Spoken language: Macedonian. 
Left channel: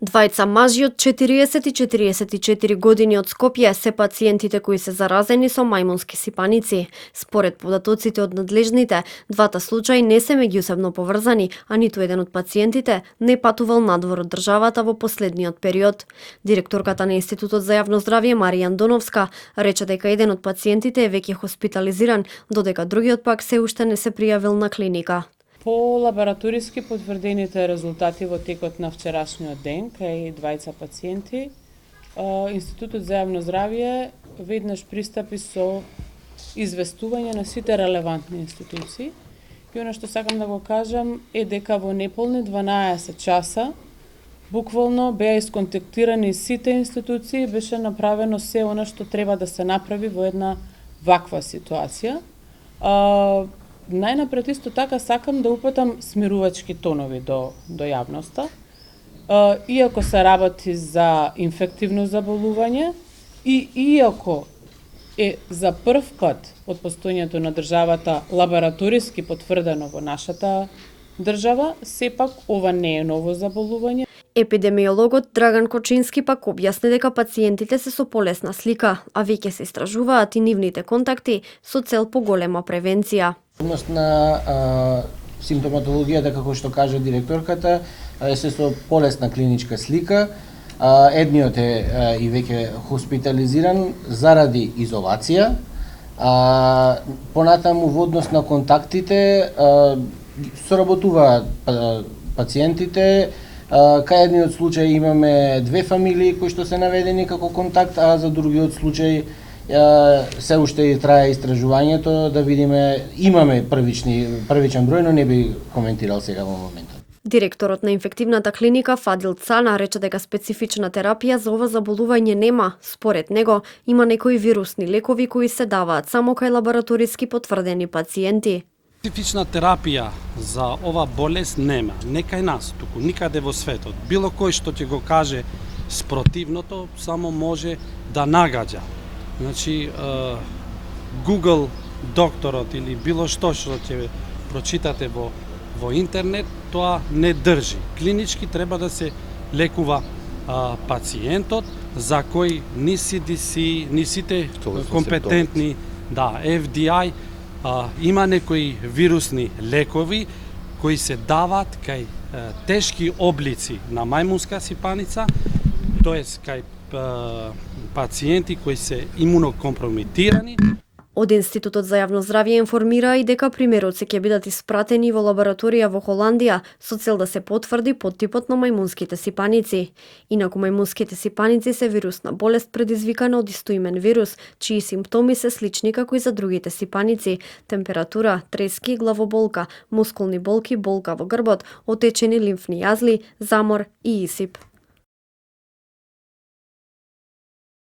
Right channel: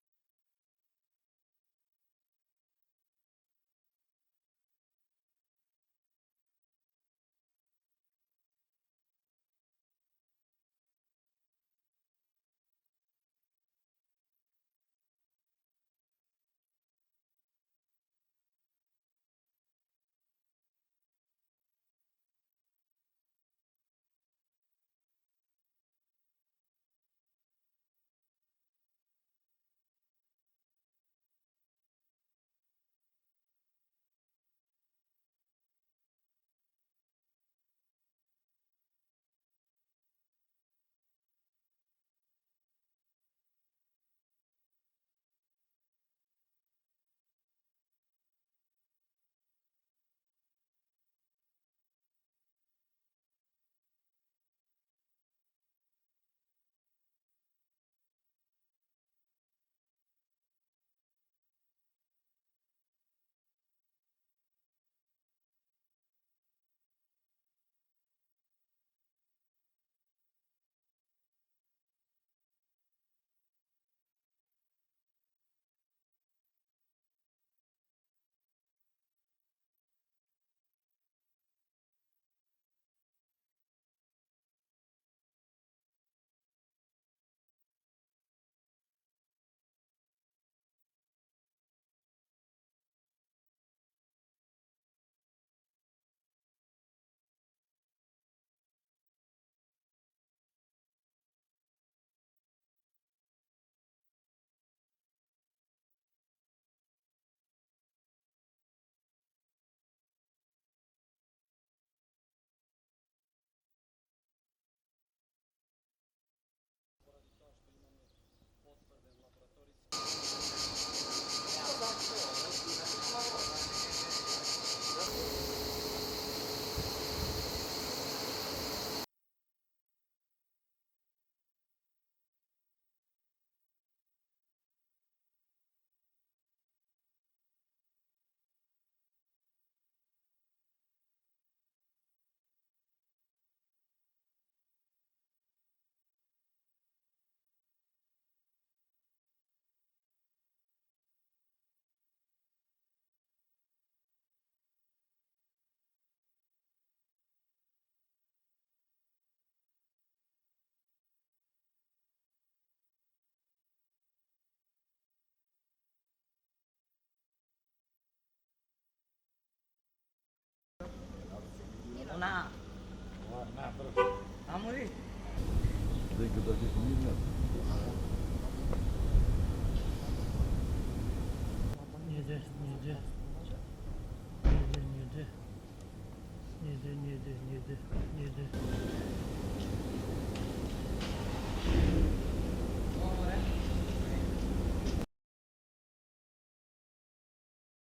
Двајца мажи од 40 и 44 години од Скопје се пациентите кои се заразени со мајмунски сипаници. Според податоците од надлежните, двата случаи не се меѓусебно поврзани, а ниту еден од пациентите не патувал надвор од државата во последниот период. Директорката на Институтот за јавно здравје Марија Андоновска рече дека еден од пациентите е веќе хоспитализиран, додека другиот пак се уште не се пријавил на клиника. По лабораториски потврдените резултати во текот на вчерашниот ден кај двајца пациенти, Институтот за јавно здравје веднаш пристапи со известување на сите релевантни институции. И она што сакам да го кажам е дека во неполни 12 часа буквално беа исконтактирани сите институции, беше направено се она што треба да се направи во една ваква ситуација. Најнапред исто така сакам да упатам смирувачки тонови до јавноста. Иако се работи за инфективно заболување и иако е за прв пат од постојањето на државата лабораториски потврдено во нашата држава, сепак ова не е ново заболување. Епидемиологот Драган Кочински пак објасни дека пациентите се со полесна слика, а веќе се истражуваат и нивните контакти со цел поголема превенција. На симптоматологијата, како што кажа директорката, е се со полесна клиничка слика. Едниот е и веќе хоспитализиран заради изолација. Понатаму во однос на контактите соработуваат пациентите. Кај едниот случај имаме две фамилии кои што се наведени како контакт, а за другиот случај се уште трае истражувањето да видиме, имаме првичен број, но не би коментирал сега во моментот. Директорот на инфективната клиника Фадил Цана рече дека специфична терапија за ова заболување нема. Според него има некои вирусни лекови кои се даваат само кај лабораториски потврдени пациенти. Специфична терапија за ова болест нема, не кај нас, туку никаде во светот. Било кој што ќе го каже спротивното, само може да нагаѓа. Значи, Google докторот или било што ќе прочитате во интернет, тоа не држи. Клинички треба да се лекува пациентот, за кој ни CDC, ни сите компетентни, FDI, има некои вирусни лекови кои се дават кај тешки облици на мајмунска сипаница, тоест кај пациенти кои се имунокомпромитирани. Од Институтот за јавно здравје информира и дека примероци ќе бидат испратени во лабораторија во Холандија со цел да се потврди поттипот на мајмунските сипаници. Инаку мајмунските сипаници се вирусна болест предизвикана од истоимен вирус, чии симптоми се слични како и за другите сипаници: температура, трески, главоболка, мускулни болки, болка во грбот, отечени лимфни јазли, замор и исип.